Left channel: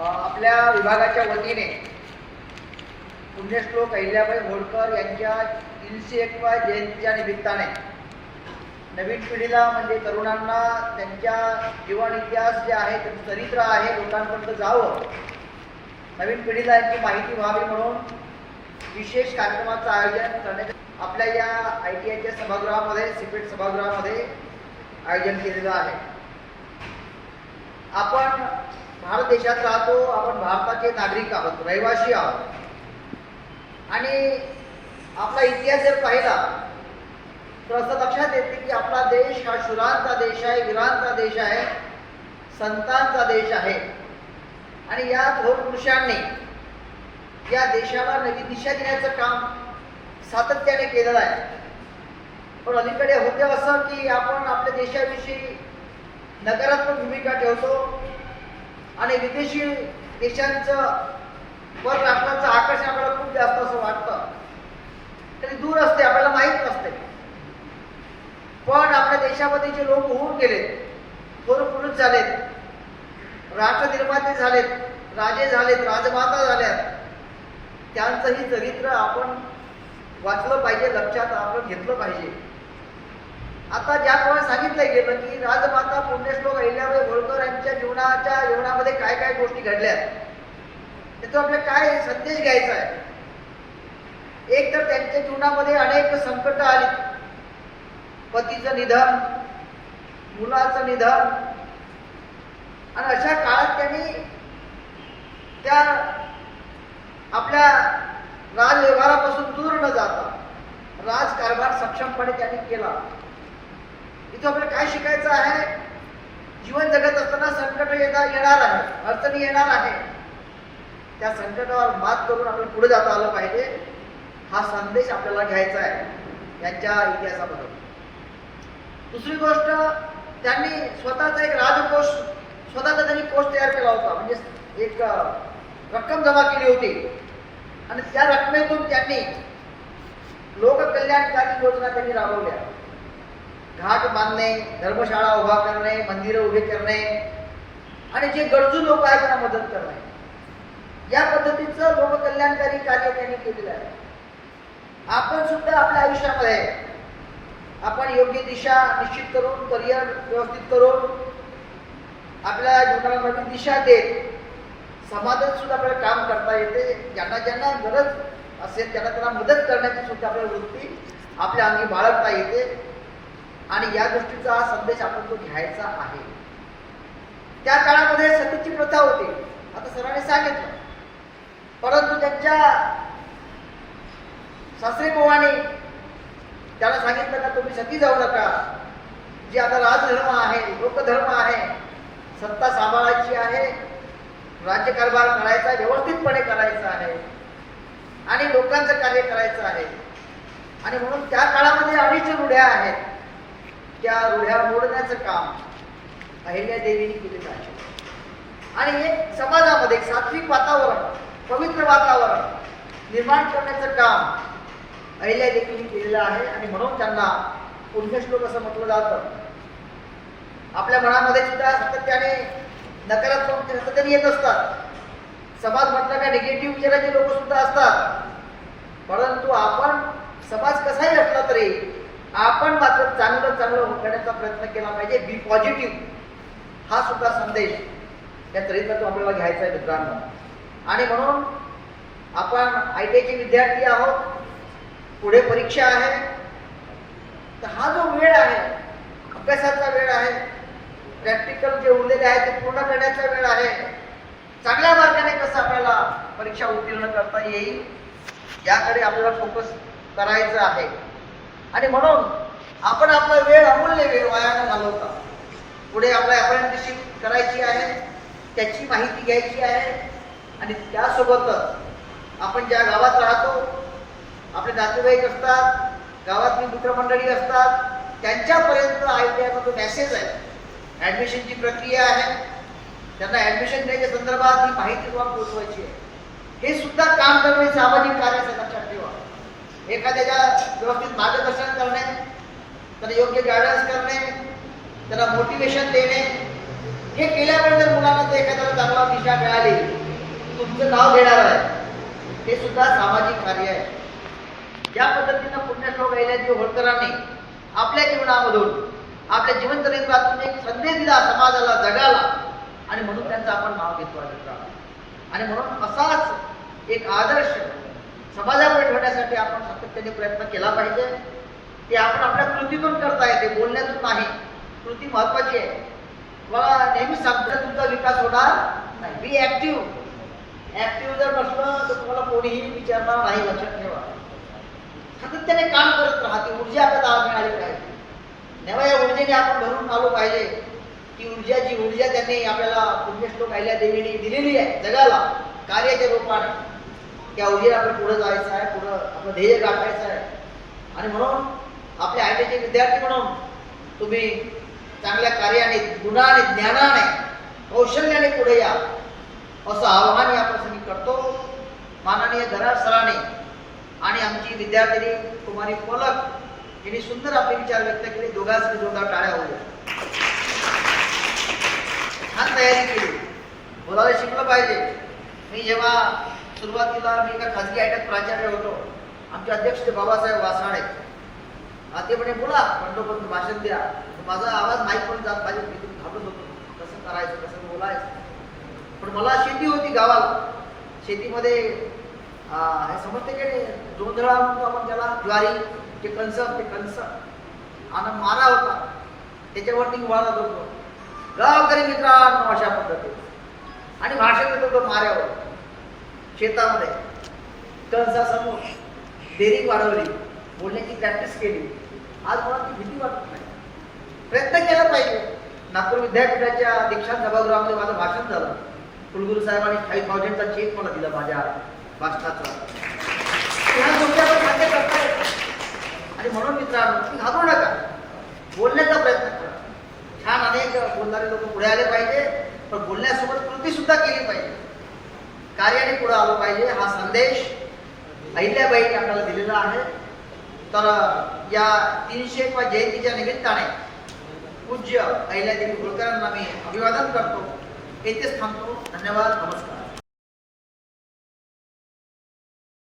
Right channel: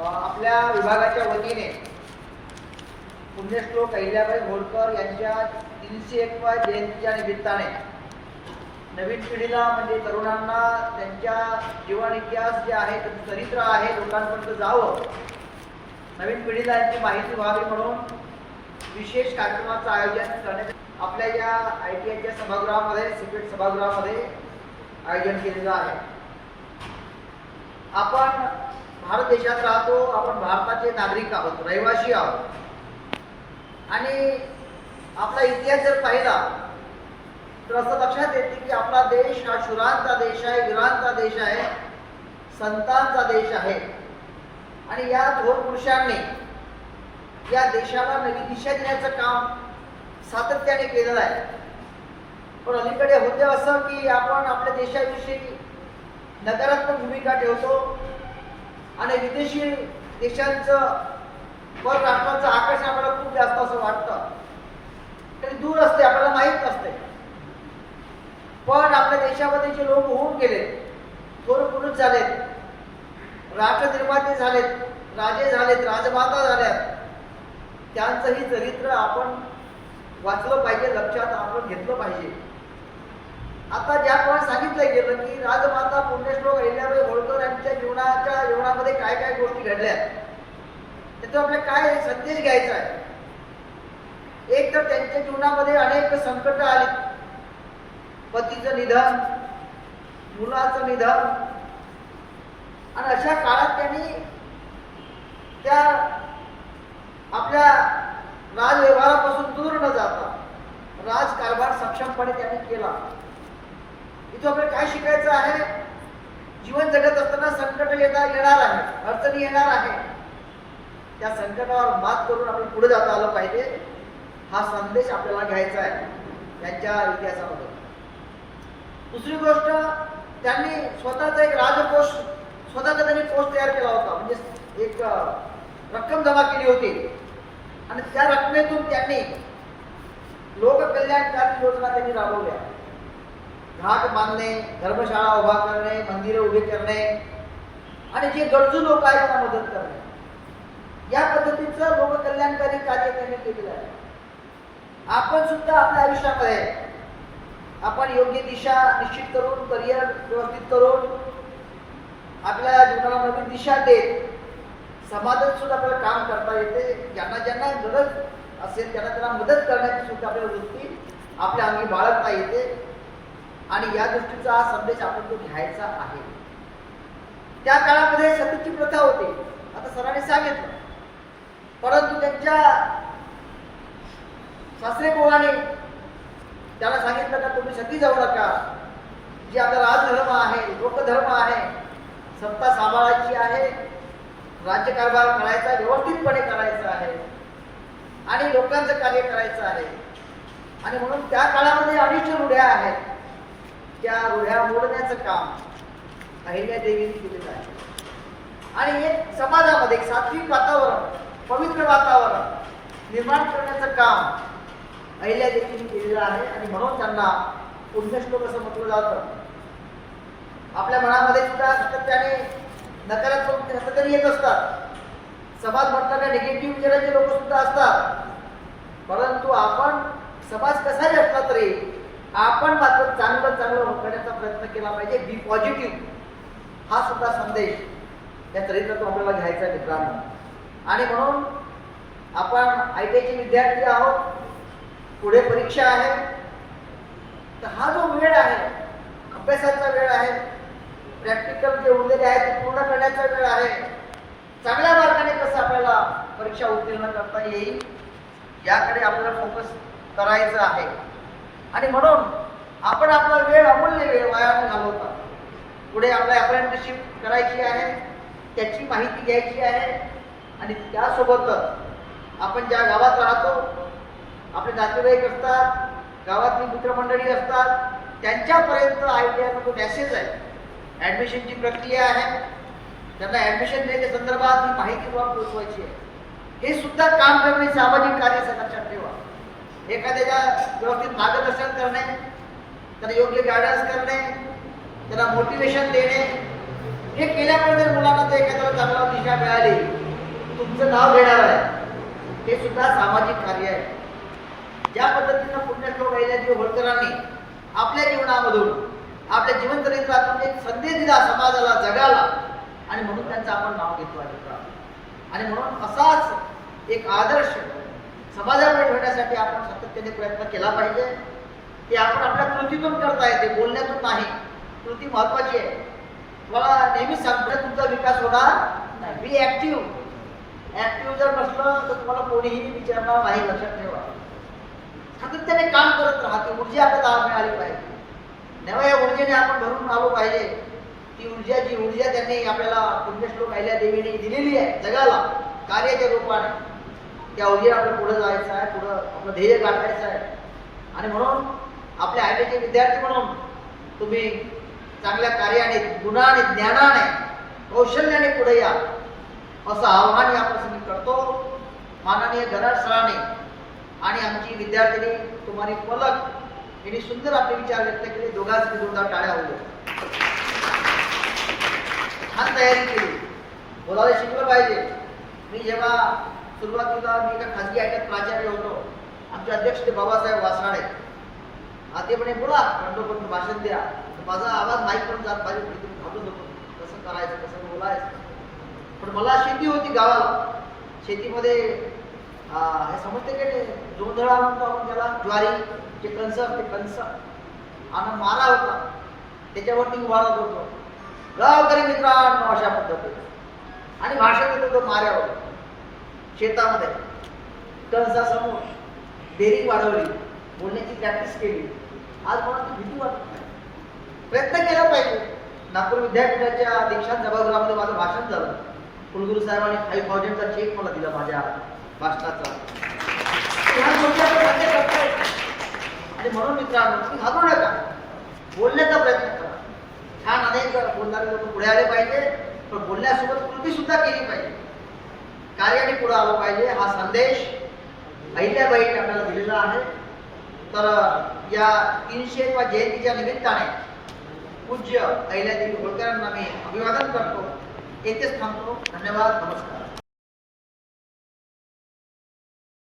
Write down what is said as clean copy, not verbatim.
आपल्या विभागाच्या वतीने पुण्यश्लोक अहिल्याबाई होळकर यांच्या 301व्या जयंतीच्या निमित्ताने नवीन पिढीला म्हणजे तरुणांना त्यांच्या जीवन इतिहास जे आहे त्यांचं चरित्र आहे लोकांपर्यंत जावं, नवीन पिढीला यांची माहिती व्हावी म्हणून विशेष कार्यक्रमाचं आयोजन करण्यात आपल्या या ITIच्या सभागृहामध्ये सिपेट सभागृहामध्ये आयोजन केलेलं आहे. आपण भारत देशात राहतो, आपण भारताचे नागरिक आहोत, रहिवासी आहोत आणि आपला इतिहास जर पाहिला तर असं लक्षात येते की आपला देश हा शूरांचा देश आहे, वीरांचा देश आहे, संतांचा देश आहे आणि या थोर पुरुषांनी या देशाला नवी दिशा देण्याचं काम सातत्याने केलेलं आहे. पण अलीकडे होते असं की आपण आपल्या देशाविषयी नकारात्मक भूमिका ठेवतो आणि विदेशी देशांचं वर राष्ट्रांचं आकर्षण आपल्याला खूप जास्त असं वाटतं, तरी दूर असते, आपल्याला माहीत नसते. पण आपल्या देशामध्ये जे लोक होऊन गेलेत, थोर पुरुष झालेत, राष्ट्र निर्माते झालेत, राजे झालेत, राजमाता झाल्यात, त्यांचंही चरित्र आपण वाचलं पाहिजे, लक्षात आपण घेतलं पाहिजे. आता ज्याप्रमाणे सांगितलं गेलं की राजमाता पुण्यश्लोक अहिल्याबाई होळकर यांच्या जीवनामध्ये काय काय गोष्टी घडल्या, त्याचा आपल्याला काय संदेश घ्यायचा आहे. एक तर त्यांच्या जीवनामध्ये अनेक संकट आली, पतीचं निधन, मुलाचं निधन आणि अशा काळात त्यांनी त्या आपल्या राजव्यवहारापासून दूर न जाता राजकारभार सक्षमपणे त्यांनी केला. इथं आपल्याला काय शिकायचं आहे, जीवन जगत असताना संकट येणार आहे, अडचणी येणार आहे, त्या संकटावर मात करून आपण पुढे जाता आलं पाहिजे, हा संदेश आपल्याला घ्यायचा आहे यांच्या इतिहासामध्ये. दुसरी गोष्ट, त्यांनी स्वतःचा एक राजकोष, स्वतःचा त्यांनी कोष तयार केला होता, म्हणजे एक रक्कम जमा केली होती आणि त्या रकमेतून त्यांनी लोककल्याणकारी योजना त्यांनी राबवल्या. घाट बांधणे, धर्मशाळा उभा करणे, मंदिरं उभे करणे आणि जे गरजू लोक आहेत त्यांना मदत करणे, या पद्धतीचं लोककल्याणकारी कार्य त्यांनी केलेलं आहे. आपण सुद्धा आपल्या आयुष्यामध्ये आपण योग्य दिशा निश्चित करून, करिअर व्यवस्थित करून, आपल्या जीवनाला नवीन दिशा देत समाजात सुद्धा आपल्याला काम करता येते. ज्यांना ज्यांना गरज असेल त्यांना मदत करण्याची सुद्धा आपल्याला वृत्ती आपल्या अंगी बाळगता येते आणि या गोष्टीचा हा संदेश आपण तो घ्यायचा आहे. त्या काळामध्ये सतीची प्रथा होती, आता सरांनी सांगितलं, परंतु त्यांच्या सासरे बुवाने त्याला सांगितलं का तुम्ही सती जाऊ नका, जे आता राजधर्म आहे, लोकधर्म आहे, सत्ता सांभाळायची आहे, राज्यकारभार करायचा, व्यवस्थितपणे करायचा आहे आणि लोकांचं कार्य करायचं आहे. आणि म्हणून त्या काळामध्ये अनेक रूढ्या आहेत, त्या रूढ्या मोडण्याचं काम अहिल्यादेवीने केलेलं आहे आणि एक समाजामध्ये एक सात्विक वातावरण, पवित्र वातावरण निर्माण करण्याचं काम अहिल्यादेवीने केलेलं आहे आणि म्हणून त्यांना पुण्यश्लोक असं म्हटलं जातं. आपल्या मनामध्ये सुद्धा सातत्याने नकारात्मक सातत्याने येत असतात, समाज म्हटलं का निगेटिव्ह विचाराचे लोक सुद्धा असतात, परंतु आपण समाज कसाही असला तरी आपण मात्र चांगलं करण्याचा प्रयत्न केला पाहिजे. बी पॉझिटिव्ह, हा सुद्धा संदेश या चरित्रातून आपल्याला घ्यायचा आहे मित्रांनो. आणि म्हणून आपण ITIचे विद्यार्थी आहोत, पुढे परीक्षा आहे, तर हा जो वेळ आहे, अभ्यासाचा वेळ आहे, प्रॅक्टिकल जे उरलेले आहे ते पूर्ण करण्याचा वेळ आहे, चांगल्या मार्गाने कसं आपल्याला परीक्षा उत्तीर्ण करता येईल याकडे आपल्याला फोकस करायचं आहे. आणि म्हणून आपण आपला वेळ, अमूल्य वेळ वाया न घालवता पुढे आपल्या अप्रेंटिसशिप करायची आहे, त्याची माहिती घ्यायची आहे आणि त्यासोबतच आपण ज्या गावात राहतो, आपले नातेवाईक असतात, गावातली मित्रमंडळी असतात, त्यांच्यापर्यंत ITIचा जो मेसेज आहे, ॲडमिशनची प्रक्रिया आहे, त्यांना ॲडमिशन द्यायच्या संदर्भात ही माहिती पोहोचवायची आहे. हे सुद्धा काम करणे सामाजिक कार्य लक्षात ठेवा. एखाद्याला व्यवस्थित मार्गदर्शन करणे, त्यांना योग्य गायडन्स करणे, त्यांना मोटिवेशन देणे, हे केल्यामुळे जर मुलांमध्ये एखाद्याला चांगला दिशा मिळाली, तुमचं नाव घेणार आहे, हे सुद्धा सामाजिक कार्य आहे. ज्या पद्धतीनं पुण्यश्लोक अहिल्यादेवी होळकरांनी आपल्या जीवनामधून, आपल्या जीवनचरित्रातून एक संदेश दिला समाजाला, जगाला, आणि म्हणून त्यांचं आपण नाव घेतो आहे. आणि म्हणून असाच एक आदर्श समाजापुढे ठेवण्यासाठी आपण सातत्याने प्रयत्न केला पाहिजे. ते आपण आपल्या कृतीतून करता येते, बोलण्यातून नाही. कृती महत्वाची आहे. तुम्हाला नेहमीच सांगतो, तुमचा विकास होणार नाही. बी ऍक्टिव्ह जर नसलं तर तुम्हाला कोणीही विचारणार नाही, लक्षात ठेवा. सातत्याने काम करत राहा. ती ऊर्जा आपल्याला मिळाली पाहिजे. तेव्हा या ऊर्जेने आपण भरून आलो पाहिजे. ती ऊर्जा त्यांनी आपल्याला पुण्यश्लोक अहिल्यादेवीने दिलेली आहे जगाला कार्याच्या रूपाने. त्या ऊर्जेला आपल्याला पुढे जायचं आहे, पुढं आपलं ध्येय गाठायचं आहे. आणि म्हणून आपल्या आयटीचे विद्यार्थी म्हणून तुम्ही चांगल्या कार्याने, गुणाने, ज्ञानाने, कौशल्याने पुढे या, असं आवाहन या प्रसंगी करतो. माननीय गराड सरांनी आणि आमची विद्यार्थिनी कुमारी पलक यांनी सुंदर आपले विचार व्यक्त केले. दोघांसाठी जोरदार टाळ्या होऊ द्या. छान तयारी केली. बोलायला शिकलं पाहिजे. मी जेव्हा सुरुवातीला मी एका खाजगी आयट्यात प्राचार्य होतो, आमचे अध्यक्ष ते बाबासाहेब वासाडे, ते म्हणे बोला पंतप्रधान भाषण द्या. माझा आवाज माईक पण जात पाहिजे, मी तुम्ही घाबरत होतो कसं करायचं, कसं बोलायचं. पण मला शेती होती गावाला. शेतीमध्ये हे समजते की जोंधळा म्हणतो आपण त्याला, ज्वारीचे कणस, ते कणस आणि मारा होता, त्याच्यावरती उभारत होतो. गावकरी मित्रांनो अशा पद्धतीने आणि भाषण देत होतो माऱ्यावर. शेतामध्ये कणसासमोर डेअरिंग वाढवली, बोलण्याची प्रॅक्टिस केली. आज मला ती भीती वाटत नाही. प्रयत्न केला पाहिजे. नागपूर विद्यापीठाच्या दीक्षांत सभागृहामध्ये माझं भाषण झालं. कुलगुरू साहेबांनी 5,000चा चेक मला दिला माझ्या भाषणाचा. ह्या गोष्टी आपण मान्य करता येतात. आणि म्हणून मित्रांनो, तुम्ही घाबरू नका, बोलण्याचा प्रयत्न करा. छान अनेक बोलणारे लोक पुढे आले पाहिजे, पण बोलण्यासोबत कृती सुद्धा केली पाहिजे. कार्याने पुढे आलो पाहिजे. हा संदेश अहिल्याबाईंनी आपल्याला दिलेला आहे. तर या 300वा जयंतीच्या निमित्ताने पूज्य अहिल्यादेवी होळकरांना मी अभिवादन करतो. येथेच थांबतो. धन्यवाद. नमस्कार.